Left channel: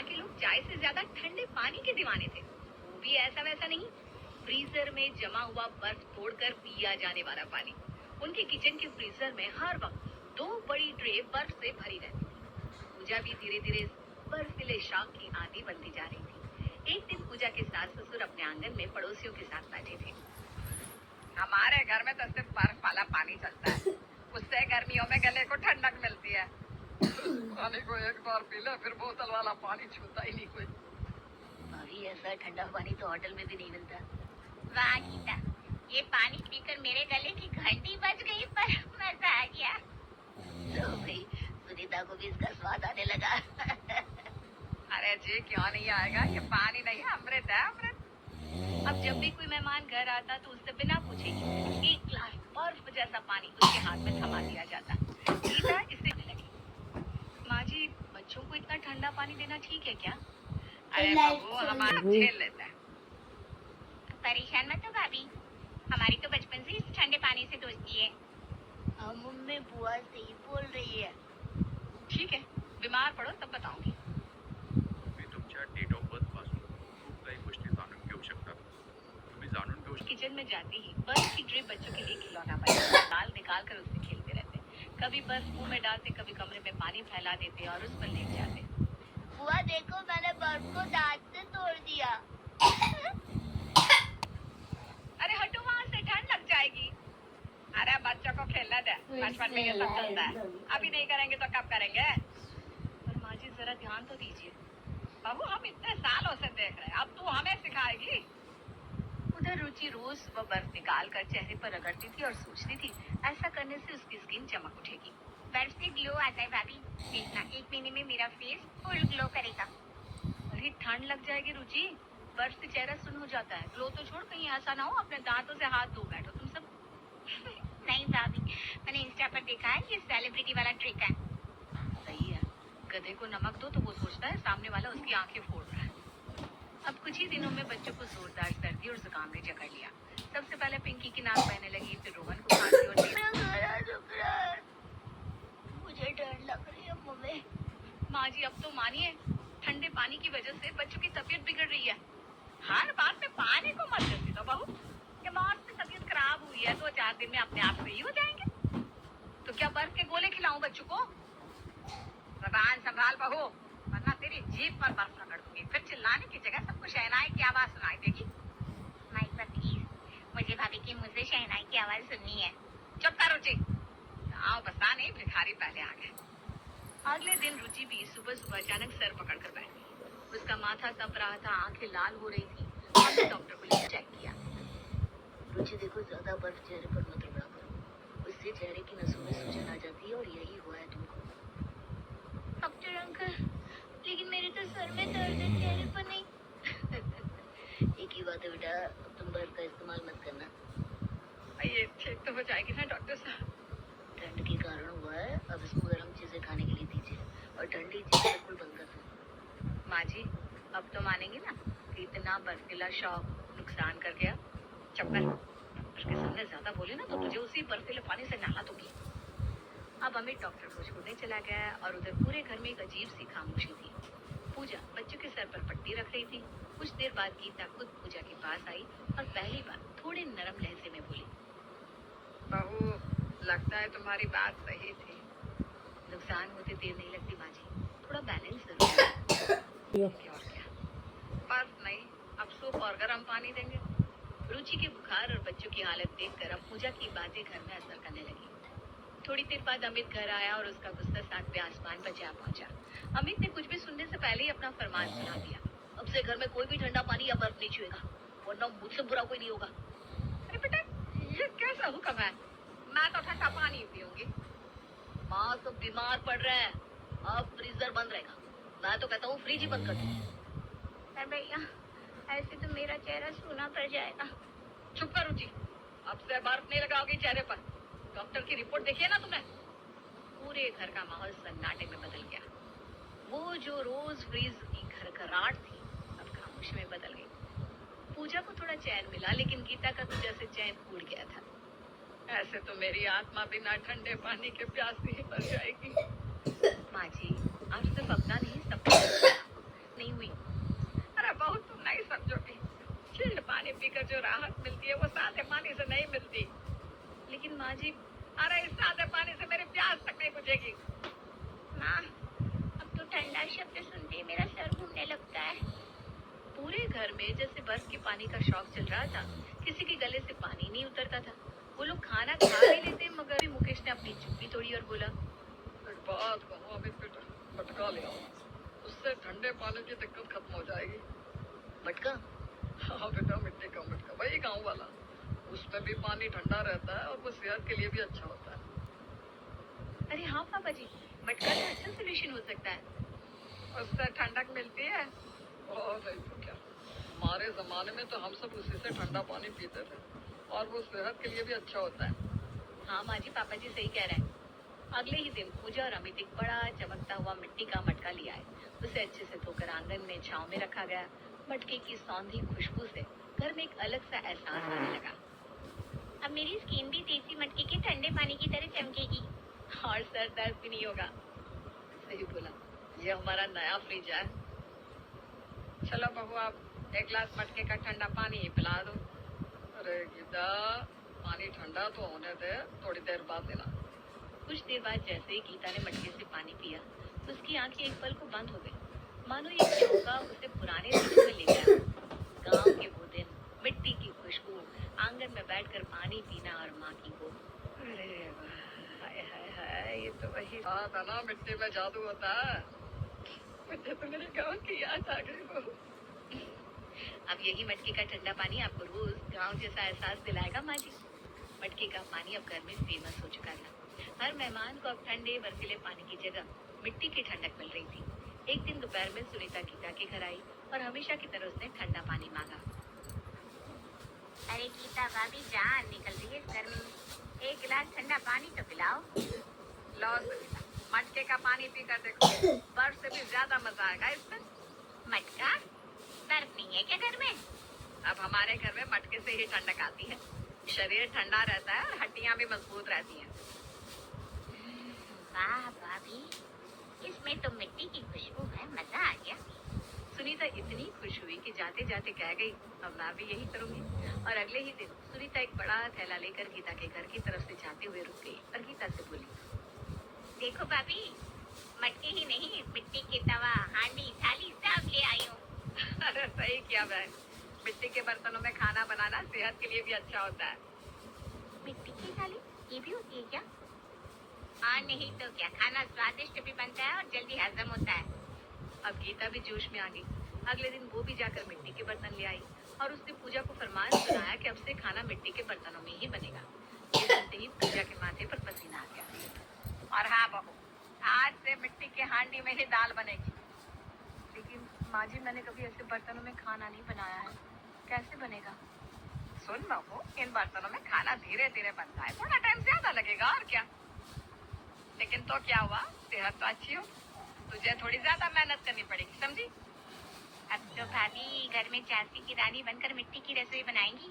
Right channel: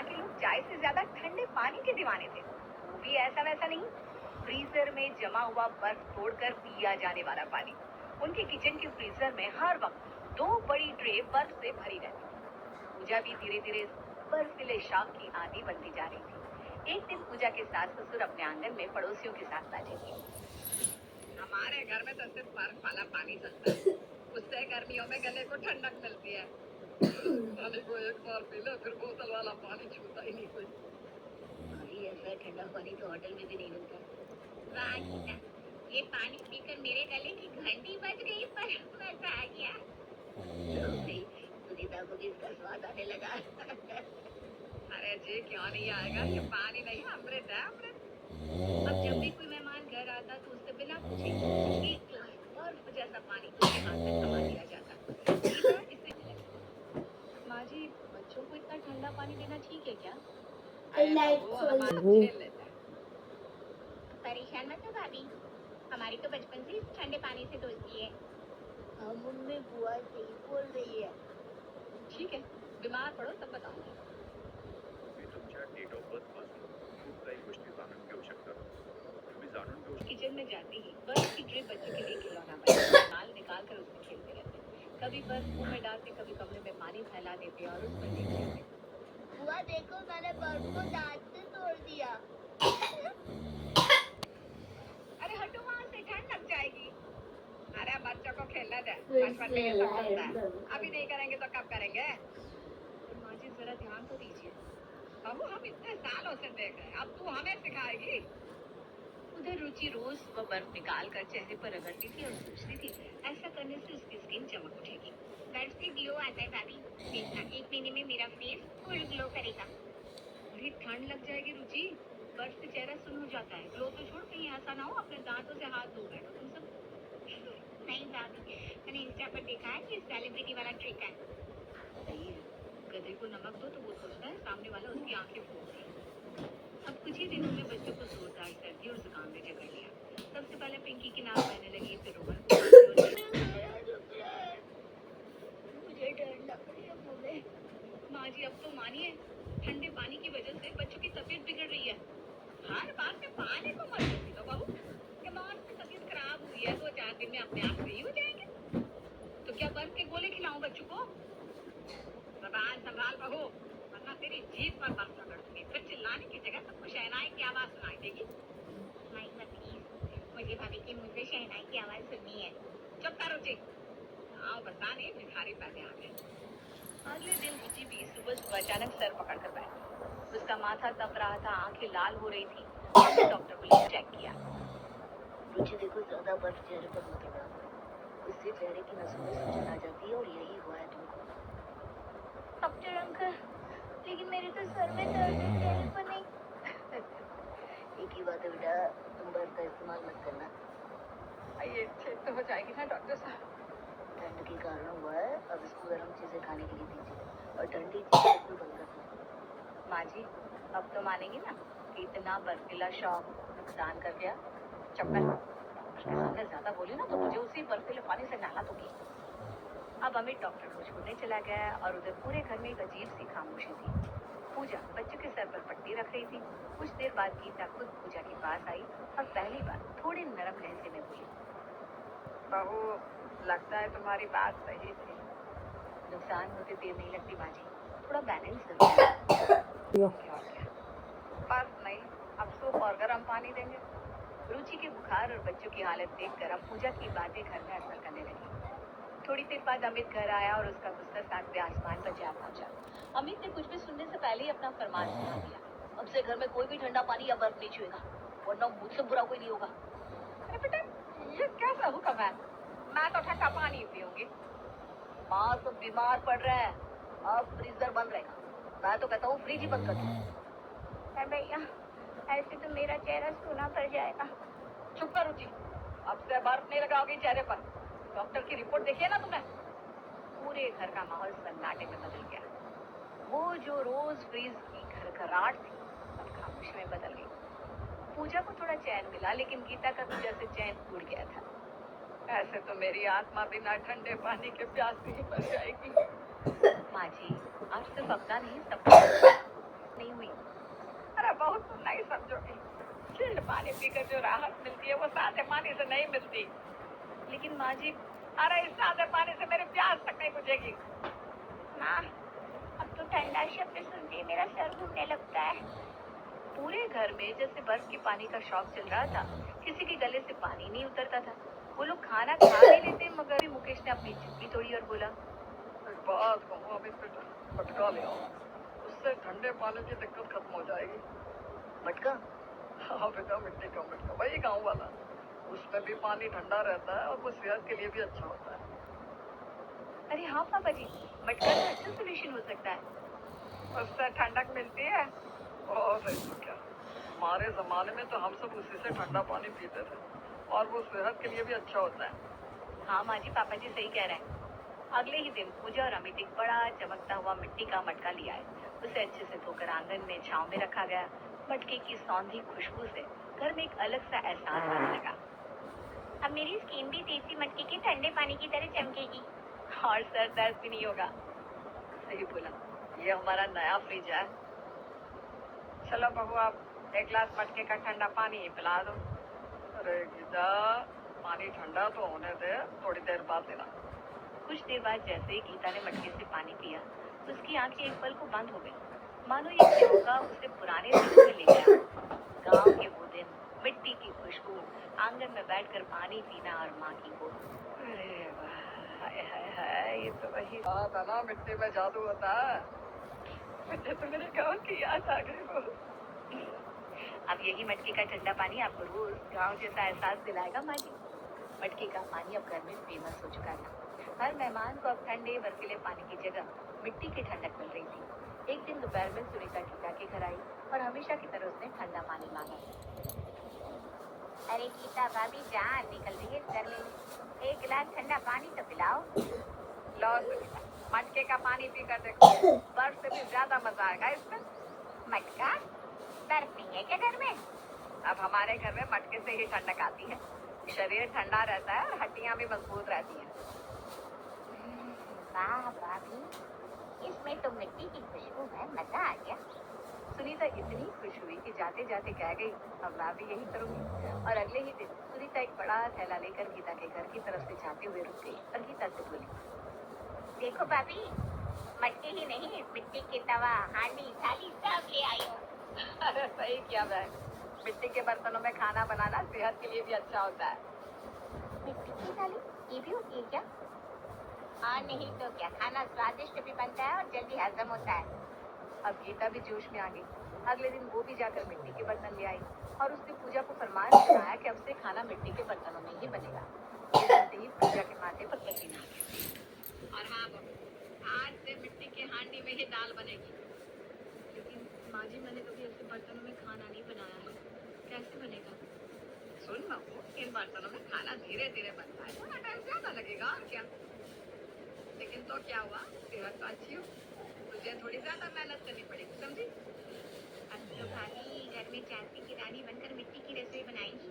यहाँ के लोग चाय से ज्यादा ठंडे पानी के दीवाने थे, वो भी ऐसा वैसा नहीं, फ्रीजर में जमा हुआ बर्फ तोड़कर पिया जाने वाला पानी। उनके किचन के फ्रीजर में हर वक्त 2 बड़ी ट्रे बर्फ से भरी रहती थी। पूजा भी धीरे धीरे बर्फीले शौक की आदी बनती जा रही थी। एक दिन पूजा के सास ससुर अपने आंगन में पड़ोसियों के साथ बैठे थे। हमारे घर में तो सिर्फ बर्फ वाला पानी चलता है, उससे गर्मियों में गले को ठंडक मिलती है। पानी को एक बार पी ले, फिर बोतल वाला पानी छूता ही नहीं कोई। भाई ऐसा ठंडा पानी तो होटल में भी नहीं मिलता। वाह गीता, ये पानी पीकर मेरे गले की घंटी बज गई, पर मजा आ गया। तो भाई सुनीता को भी इसका स्वाद आने लगा। अरे जी क्यों नहीं आएगा, ये पानी नहीं है, अमृत है अमृत। अब जब भी कोई मेहमान घर आता तो उससे बिना पूछे ही 1 गिलास बर्फ जैसा पानी उसके हाथ में थमा दिया जाता। गीता इससे भी लगी, माँ जी बच्चों को इतना ठंडा पानी देना ठीक है क्या? अरे बहू हमारा झेल लेता है। परेशान मत हो भाभी, हमारी तो बचपन से इस ठंडे पानी से दोस्ती है। मम्मी बुआ सही बोल रही है। ठीक है, बीमार पड़ो तब बताऊंगी। मी तुमच्या डेट ऑफ बर्थ पासून खूप काही गोष्टी जाणून घेऊ शकता, तुम्ही जाणून घेऊ शकता। किचन में जाते ही बर्फ की ट्रे बच्चों के लिए खिलौना बना दाल निकाल कर उससे खेलते रहते। कभी बर्फ मुंह में डालते, कभी कमरे में पानी फैला देते और उस पर लेट जाते। बुआ देखो, मैंने बर्फ को दांत से तोड़ दिया। अरे हटो वहाँ से, ठंड लग जाएगी। अरे बच्चों को खेलने दे, बचपन में ये सब चलता है, अभी नहीं करेंगे तो कब करेंगे? पर माँ जी जरा ध्यान तो दीजिए, बहू हम इतने सालों से देख रहे हैं, अब तू हमें सिखाएगी। उधर रुचि रोज वह बर्फ निकाल कर चेहरे पर रगड़ती थी और सोचती थी ऐसा करने से उसकी स्किन चमक उठेगी। बर्फ से ग्लो आता है भाभी, देखना 1 महीने में मेरा फेस फुल ग्लो करेगा। अरे ठंड लग जाएगी रुचि, बर्फ से चेहरा सुन हो जाता है। ग्लो तो छोड़, कहीं ऐसा ना हो अपने दांतों से हाथ धो बैठो तुम सब। नहीं भाभी, मैंने इंस्टा पर देखा है, ये सेलिब्रिटी वाला ट्रिक है। सही है, गधे को नमक दो तो वो सोचता है सामने वाला उसकी आंखें फोड़ रहा है। अब कुछ ही दिनों में बच्चों को जोरदार सर्दी और जुकाम ने जकड़ लिया। सबसे पहले पिंकी की नाक बहने लगी, फिर रोहन को खांसी और मुझे डर लग रही है मुझे। माँ जी अब तो मानिए, ठंडे पानी की वजह से बच्चों की तबीयत बिगड़ रही है। हर बात में पानी को मत देती तो बहू, दिमाग से तबीयत खराब हुई है 2-4 दिन में अपने आप सही हो जाएंगे। तो क्या बर्फ के गोले खिलाऊं बच्चों को? जबान संभाल बहू, वरना तेरी जीभ पर बर्फ रगड़ दूंगी, फिर चिल्लाने की जगह सबको शहनाई की आवाज सुनाई देगी। माइक पर प्लीज, मुझे भाभी की मुझसे शहनाई की आवाज सुननी है। चुप कर रुचि, गाँव बसा नहीं भिखारी पहले आ गए। अगले दिन रुचि भी सुबह सुबह अचानक सर पकड़ कर बैठी। उसका माथा तप रहा था, आंखें लाल हो रही थी। उसने डॉक्टर को लेकर चेक किया। रुचि देखो, ज्यादा बर्फ चेहरे पर मत रगड़ा करो, उससे चेहरे की नसों में सूजन आ जाती है और यही हुआ है तुमको। डॉक्टर अंकल, लेकिन मेरे तो सर में दर्द है, चेहरे पर नहीं। एक ही बात है बेटा, तुम बर्फ का इस्तेमाल मत करना। ये ठीक तो हो जाएगी ना डॉक्टर साहब? ठंड के कारण हुआ है, अब इसको गर्म चीजें खाने के लिए दीजिए और ठंडी चीजें बिल्कुल ढंग कर खाओ। माँ जी अब तो मानेंगी ना कि इतना बर्फीला शौक नुकसान कर गया? चक्कर डॉक्टर के सामने ज्यादा बोले ना तो मुझे उसी बर्फीले पानी से नहला दूंगी। अब अमित डॉक्टर को छोड़ने चला गया और उधर पूरे घर में एक अजीब सी खामोशी थी। पूजा बच्चों के सर पर पट्टी रख रही थी। कुछ देर बाद गीता खुद पूजा के पास आई और पहली बार थोड़े नरम लहजे में बोली, बहू लगता है तुम्हारी बात सही थी, नुकसान होते देर नहीं लगती माँ जी, थोड़ा बैलेंस करो। बर्फ नहीं, अब सूप और गर्म पानी देंगे। रुचि के बुखार और बच्चों की हालत देखकर अब पूजा की बातें घर में असर करने लगी। थोड़ी देर बाद अमित घर आया और उसका गुस्सा 7वें आसमान पर जा पहुंचा। अमित ने कुछ भी सुनने से पहले ही अपना फरमान सुना दिया, अब से घर में कोई भी ठंडा पानी या बर्फ नहीं छुएगा, वरना मुझसे बुरा कोई नहीं होगा। अरे बेटा ये कैसा हुक्म है, मैं तो ठंडा पानी पीऊंगी। माँ तो बीमार पड़ रहा है, अब फ्रीजर बंद रहेगा, मैं तो कहता हूँ फ्रिज ही बंद कर दो। भैया ऐसे तो मेरा चेहरा सूना पड़ जाएगा। चुप कर रुचि, अब से बर्फ नहीं लगाओगी चेहरे पर। डॉक्टर की रिपोर्ट देखी है ना तुमने? पूरे घर का माहौल सन्नाटे में बदल गया। वो जो रोज फ्रीज की घरघराहट थी अब खामोशी में बदल गई। पूजा को थोड़ा चैन मिला, लेकिन गीता का तो जैसे चैन उड़ गया था। ऐसे तो मेरी आत्मा बिना ठंडे पानी के प्यास ही मर जाएगी। माँ जी आप सिर्फ अपना नहीं सबका राहत मिलती है वो सादे पानी से नहीं मिलती। लेकिन माँ जी, अरे इस सादे पानी से मेरी प्यास तक नहीं बुझेगी। माँ, अब तो ठंडा शब्द सुनते ही मेरा सर घूमने लगता है। पूरे घर में जैसे बर्फ के पानी का शौक चल रहा था। किसी के गले से पानी नहीं उतरता था। वो लोग खाना खा भी लेते, मगर भी मुकेश ने अपनी चुप्पी तोड़ी और बोला, एक बात कहूँ, अमित बेटा, मटका ले आओ, उससे ठंडे पानी की दिक्कत खत्म हो जाएगी। मटका? हाँ बेटा, मिट्टी का मटका, वही गाँव वाला। उसमें भी पानी ठंडा रहता है और वो सेहत के लिए भी अच्छा होता है। अरे हाँ पापा जी, मटका तो अच्छा सोल्यूशन हो सकता है। उससे ठंडक मिलती है। बहुत सही बेटा, हमारे जमाने में तो हम सब उसी से ठंडा पानी पीते थे और वो सेहत के लिए भी अच्छा होता है। हाँ माँ जी, पापा जी सही कह रहे हैं। अगले ही दिन पूजा और अमित एक बड़ा चमकता हुआ मिट्टी का मटका लिया है। उसे अच्छे से धोकर आंगन में छांव में रखा गया। मटके की सौंधी खुशबू से घर में एक अलग सा एहसास आने लगा। अब मेरी स्किन भी देसी मटके के ठंडे पानी की तरह चमकेगी। और सर दर्द भी नहीं होगा। सही बोला, ये हमारा नया फ्रिज है। चलो बहू, आप एक गिलास मटके का ठंडा पानी ही पिला दो। अरे गीता, पानी ठंडा तो होने दे, थोड़ी देर बाद देना। कुछ देर बाद जैसे ही गीता ने मटके से पानी पिया तो उसकी आंखें एक पल को बंद हो गई, मानो ये झोंका उसे पुराने दिनों में ले गया। गांव के वो दिन, मिट्टी की खुशबू, आंगन में बैठकर पानी पीना और माँ की गोद। अरे वाह, हाय हाय हाय, ये तो वही बात है ना, मिट्टी में जादू होता है। मुझे तो मेरे गाँव की याद आ गई हो। अब यही मटके का ठंडा पानी आपको रोज गांव जैसा एहसास दिलाएगा माँ जी। मटके का पानी अब घर में फेमस हो चुका था। हर मेहमान को अब ठंडे बर्फीले पानी की जगह मिट्टी की ठंडक मिल रही थी। एक दिन दोपहर में सुनीता गीता के घर आई और हमेशा की तरह उसने ठंडा पानी मांगा। अरे गीता भाभी, जान निकल रही है इस गर्मी में, एक गिलास ठंडा पानी तो पिलाओ। लो सुनीता, मटके का पानी पी कर देखो, बर्फ से भी ज्यादा मजा आएगा इसमें। मटका? बर्फ नहीं है क्या घर में? अब हमारे घर में मटके से ही ठंडक आती है। शरीर ठंडा रहता है और हड्डियां भी मजबूत रहती हैं। वाह भाभी, इसमें तो मिट्टी की खुशबू है, मजा आ गया। सुनीता इतनी खुश हुई कि जाते जाते कह गई, अब मैं भी यही करूंगी। और अगले ही दिन सुनीता एक बड़ा थैला लेकर गीता के घर की तरफ से जाते हुए रुक गई और गीता से बोली, देखो भाभी, मटके ही नहीं, मिट्टी के तवा, हांडी, थाली सब ले आई हूँ। अरे सही किया बहन, मिट्टी के बर्तनों में खाना बनाना सेहत के लिए भी अच्छा होता है। मिट्टी की थाली ये भी होती है क्या? हाँ, नहीं तो क्या, खाना स्वादिष्ट भी बनता है और जल्दी हजम होता है। अब गीता भी जोश में आ गई। अगले दिन वो भी जाकर मिट्टी के बर्तन ले आई और उसने पूजा को फरमान सुनाया कि अब से खाना मिट्टी के बर्तनों में ही बनेगा। ये सुनते ही पूजा के माथे पर पसीना आ गया। और हाँ बहू, आज से मिट्टी के हांडी में ही दाल बनेगी। लेकिन माँ जी, मैंने कभी ऐसे बर्तनों में खाना नहीं बनाया है, कैसे बनेगा? सुन बहू, इन बर्तनों में खाना धीरे धीरे बनता है, थोड़ा टाइम ज्यादा लगेगा और क्या। लेकिन तो क्या हुआ, सेहत तो अच्छी हो, तुझे थोड़ी ज्यादा मेहनत करनी पड़ेगी, समझी? अब तो भाभी घर में झांसी की रानी बनकर मिट्टी की रसोई बनाएंगी।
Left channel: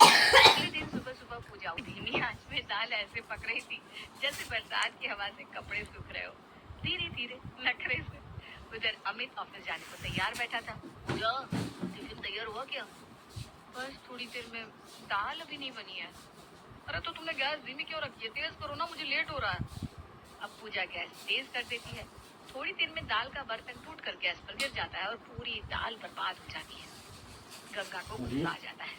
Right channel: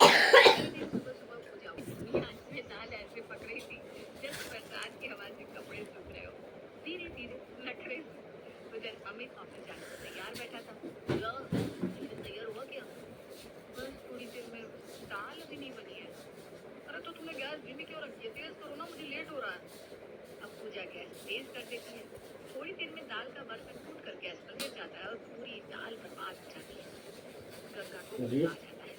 अगले दिन सुबह सुबह पूजा धीमी आंच में दाल ऐसे पक रही थी जैसे बरसात की हवा से कपड़े सूख रहे हो, धीरे धीरे नखरे से। उधर अमित ऑफिस जाने को तैयार बैठा था। पूजा, टिफिन तैयार हुआ क्या? बस थोड़ी देर में, दाल अभी नहीं बनी है। अरे तो तुमने गैस धीमी क्यों रखी है? तेज करो ना, मुझे लेट हो रहा है। अब पूजा गैस तेज कर देती है। थोड़ी देर में दाल का बर्तन टूट कर गैस पर गिर जाता है और पूरी दाल बर्बाद हो जाती है। गंगा को गुस्सा आ जाता है।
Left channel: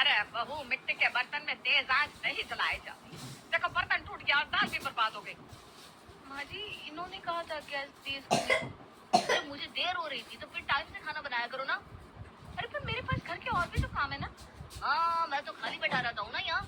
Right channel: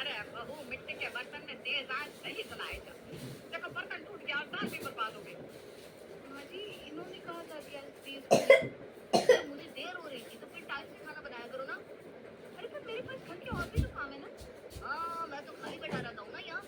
अरे बहू, मिट्टी के बर्तन में तेज आंच नहीं चलाए जाओ। देखो बर्तन टूट गया और दाल भी बर्बाद हो गई। माँ जी, इन्होंने कहा था गैस तेज करने। अरे मुझे देर हो रही थी तो फिर टाइम से खाना बनाया करो ना। अरे पर मेरे पास घर के और भी तो काम है ना। हाँ, मैं तो खाली बैठा रहता हूँ ना यहाँ।